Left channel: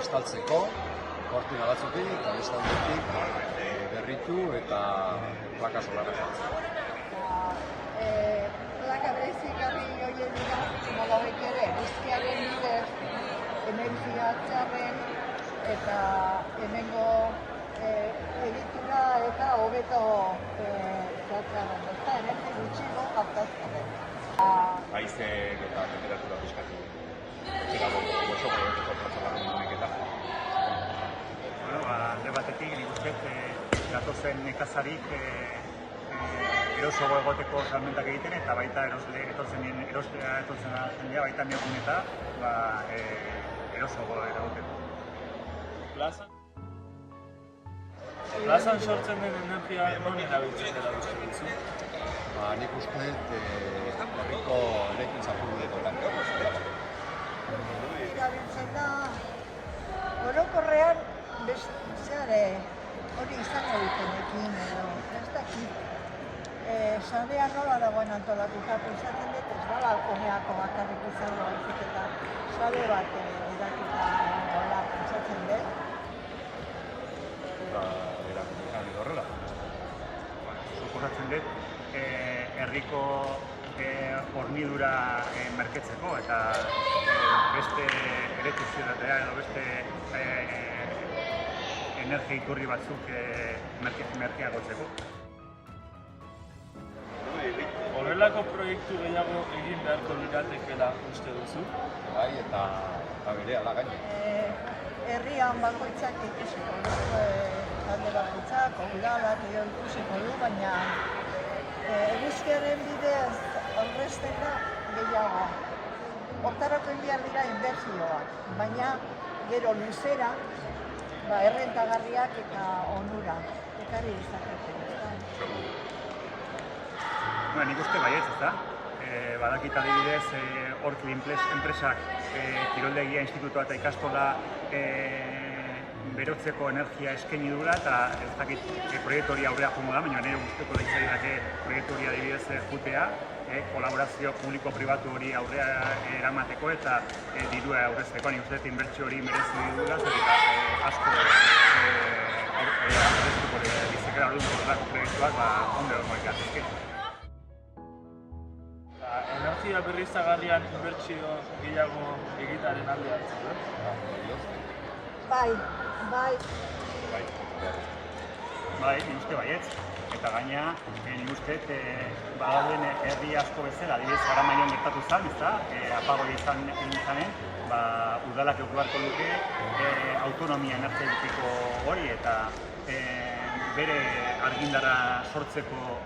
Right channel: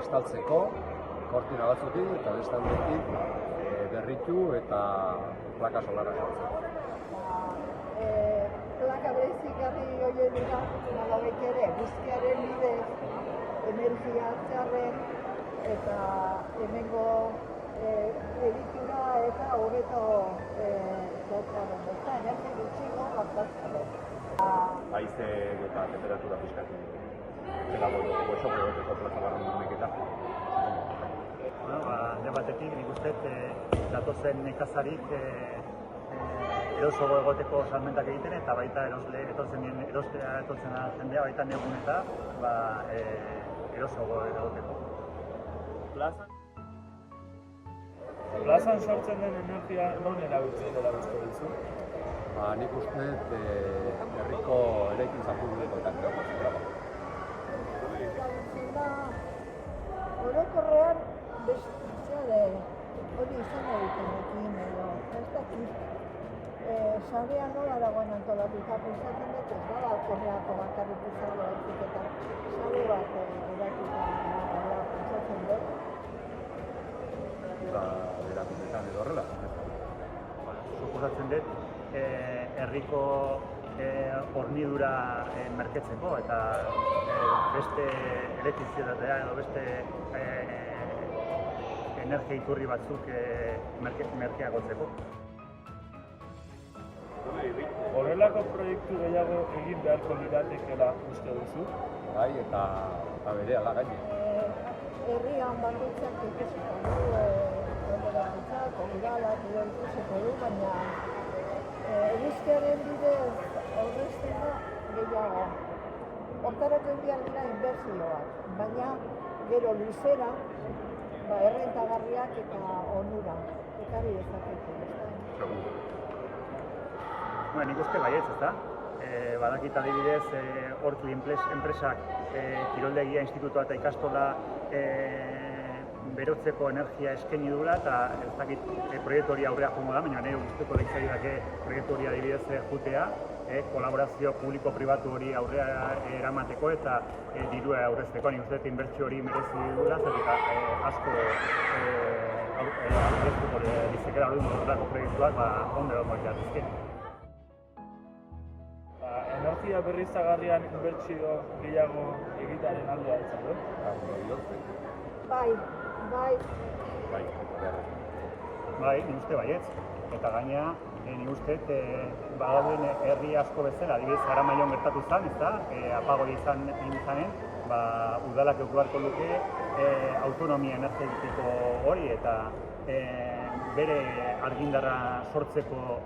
estaltzeko, kortina batzutik eta bestaldetik berritu eta plaka solarra jartzeko. Plaka berezigarri horiek dira, nolabait ere, eguzkiaren bidez, energia txarren eta hemengo egitura eta hobeto zehatzarren, eta energia gutxiago gastazkarren. Haizek eta temperatura pizkatu zela oso goreteko plaza barren dunik eta. Alde batetik, nik uste gatozen nekazarik erosogo egoteko salmentak egiten eta baita erostea etortzen jendea baita neurguneta erosogo egoteko. Plazan sortzen den energia non erabiltzen dela uste duzu? Nik uste herriko eraikuntza publikoetan erabiltzen dela. Erabiltzen da, orokorrean hori izango dutenekin edo, ez dakit. Sarea nola dagoen antolatuta, pentsatzen dut ez da balkoneako bakarrik izango baizik eta sare bat edatuta nola pentsatzen dut. Erakunetan edo horrela. Suposatzen dut, herriko hornidura merketzeko eta beste elektrizitatea edo beste energia iturri batzuk merkeagotzeko. Horrelako proiektu gehiago egin beharko liratekeela uste duzu? Bai, eta berehala gaine. Herrian bakoitzak ikusiko du, talde bakoitzak, udalak edo ikusiko du, baina eguzkiaren bidez aurrezten da gehiago. Hortarako egin behar dira inbertsioak, baina gero luzera errentagarriak eta onura ekarri dezakete. Nik uste baietz, ez da? Badakit adibidez, Orkli enpresak kiroldegia institutoa eta ikastola berotzeko energia eskaini dura eta ez dakit proiektu hori aurrea joango da, baina nire guzteko leitzaidak proiektu hori adibidez jutea, kolaborazio publiko-pribatu hori aurrea eramateko eta dirua aurrezteko. Nik uste inbertsio hori merezi dugula, eta asko aurreztuko bizikera hori horrelako proiektuak ondo egongo ikatezke. Energia berriztagarrian inbertsio gehiago egitearen alde hartzen du? Bai. Nik uste baietz. Eta gaina, nik uste badauden herri asko bezala, adibidez Aramaion gertatu zen, ezta? Apagoi egin izanen, udalak eduki beharko luke autonomia energetiko hori eta bere argindarra sortzeko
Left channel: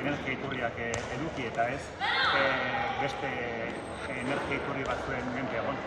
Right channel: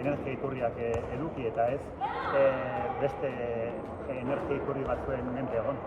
energia iturriak eduki eta ez beste energia iturri batzuen menpe egon.